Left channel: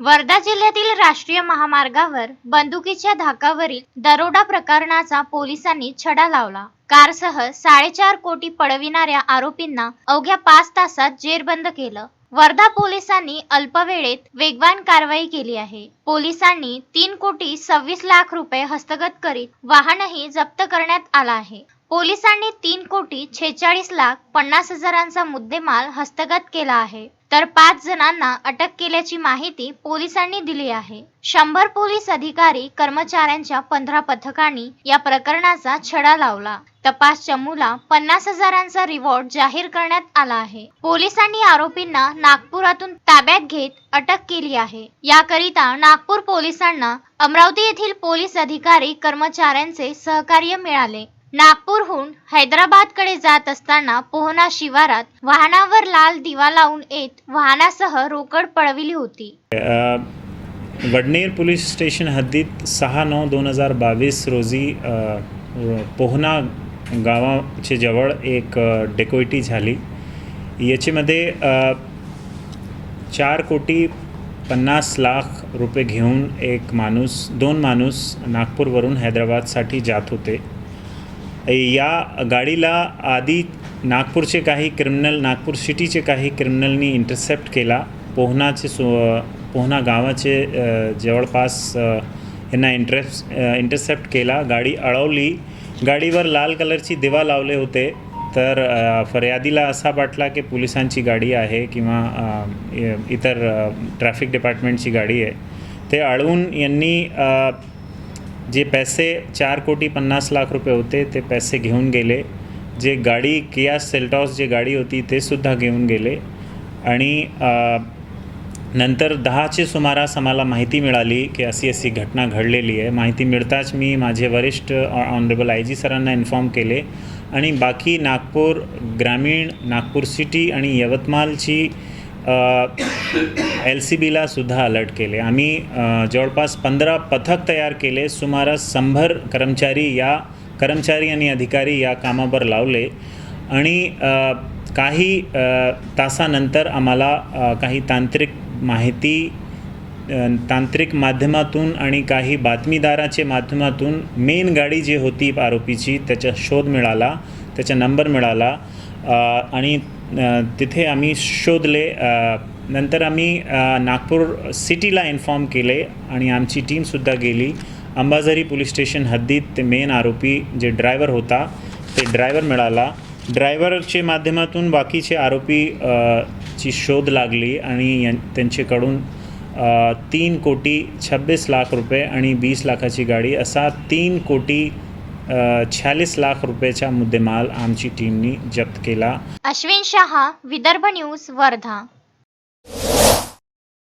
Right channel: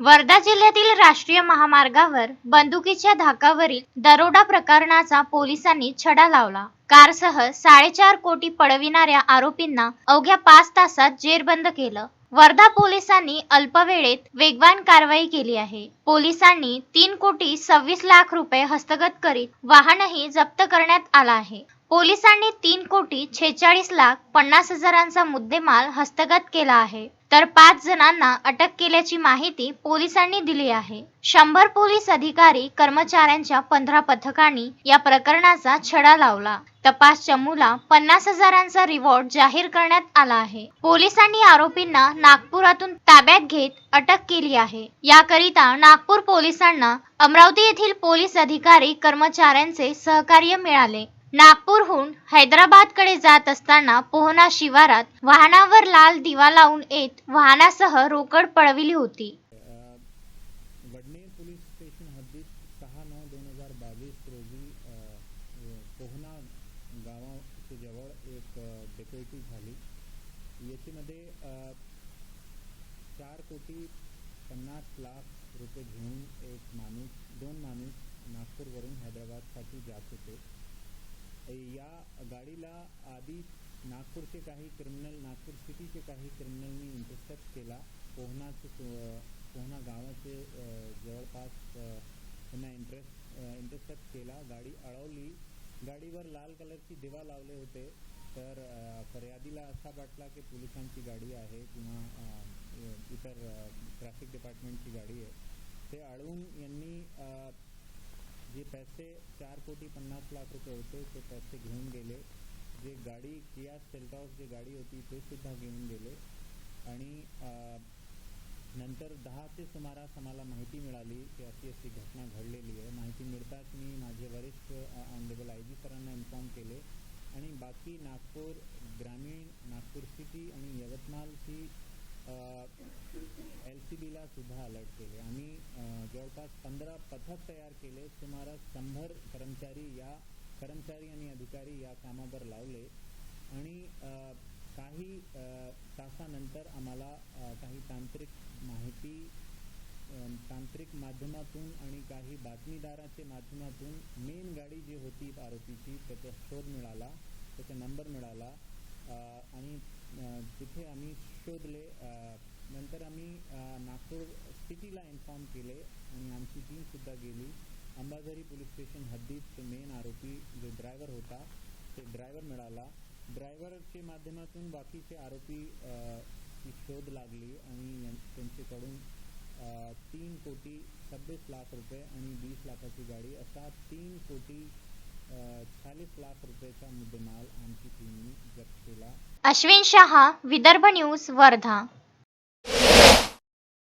वर्धा जिल्ह्यातील राष्ट्रीय महामार्गावर बंदुकीच्या धाकावरील दरोडा प्रकरणाचा पोलिसांनी छडा लावला. कारसह साडेचार कोटी पळविणाऱ्या आरोपींना अवघ्या पाच तासात जेरबंद केलं. वर्धा पोलिसांनी अल्पवेळेत वेगवान कारवाई केली आहे. पोलिसांनी तीन कोटी सव्वीस लाख रुपये हस्तगत करीत वाहनही जप्त करण्यात आला आहे. पोलिसांनी तीन कोटी छेचाळीस लाख पन्नास हजारांचा मुद्देमाल हस्तगत केला आहे. तर पाच जणांना अटक केल्याची माहिती पोलिसांनी दिली आहे. शंभर पोलीस अधिकारी कर्मचाऱ्यांच्या पंधरा पथकांनी या प्रकरणाचा छडा लावला. तपास चमूला पन्नास हजारांचा रिवॉर्ड जाहीर करण्यात आला आहे. पोलिसांनी आरोपींना नागपुरातून ताब्यात घेत अटक केली आहे. याकरिता नागपूर पोलिसांना अमरावती येथील पोलीस अधिकारी कर्मचाऱ्यांचे सहकार्य मिळाले. नागपूरहून हैदराबादकडे जात असताना पोहना शिवारात वाहनावर लाल दिवा लावून येत वाहनासह रोकड पळविली होती. वडनेर पोलीस स्टेशन हद्दीत सहा नऊ दोन हजार बावीस रोजी पोहना गावाचे जवळ एक डेकोइटी झाली. याच्यामध्ये चार कोटी पन्नास लाख रुपये घेऊन एक माणूस दोन माणूस नागपूरवरून हैदराबादसाठी जात होते. या गाडीला आधी नागपूरचे काही क्रिमिनल नागपूर सिटीचे काही क्रिमिनलनी इंटरसेप्ट केला. पोहनाचे सो पोहना गावाचे जवळपास यांना इंटरेस इंटरसेप्ट केला. गाडी अडवली. गाडीवर लाल कलरची दिवा लावले होते. तर फर्यादीला असा वाटला की पोलिसांची गाडी आहे किंवा इतर ट्रॅफिक डिपार्टमेंटची गाडी आहे. ते अडवून यांनी जे पैसे चार कोटी पन्नास लाख रुपये होते ते पैसे घेऊन गेले. जे गाडी किया सेल्टॉस जे गाडी होती ते सुद्धा घेऊन गेले. आणि नंतर दहाचे सुमारास आम्हाला माहिती मिळाली की अशी अशी घटना घडलेली आहे. माहिती मिळताच मी माझे वरिष्ठ ऑनरेबल आय जी सरांना इन्फॉर्म केले. आणि बाकी नागपूर ग्रामीण नागपूर सिटी आणि यवतमाळची एल सी बीलासुद्धा अलर्ट केले. आम्ही जवळपास पंधरा पथक तयार केले. सुमारास शंभर कर्मचारी या कर्मचारी आणि अधिकारी या कामावर लावले. आणि काही तासानंतर आम्हाला काही तांत्रिक माहिती तांत्रिक माध्यमातून आणि काही बातमीदाराचे माध्यमातून मेन गाडी जी होती आरोपीची त्याचा शोध मिळाला त्याचा नंबर मिळाला. आणि तिथे आम्ही शोधले नंतर आम्ही नागपूर सिटीला इन्फॉर्म केले आणि आमची टीमसुद्धा गेली. अंबाझरी पोलीस स्टेशन हद्दीत ते मेन आरोपी जे ड्रायव्हर होता ते ड्रायव्हर मिळाला. ड्रायव्हरचे माध्यमातून बाकीचे आरोपी ची शोध लागली आणि त्यांच्याकडून तीन कोटी छब्बीस लाख रुपये आणि वीस लाखाची गाडी असा तीन कोटी छ्यालीस लाख रुपयाचा मुद्देमाल आमची टीमनी जप्त केला. अश्विन शहा विदर्भ न्यूज वर्धा.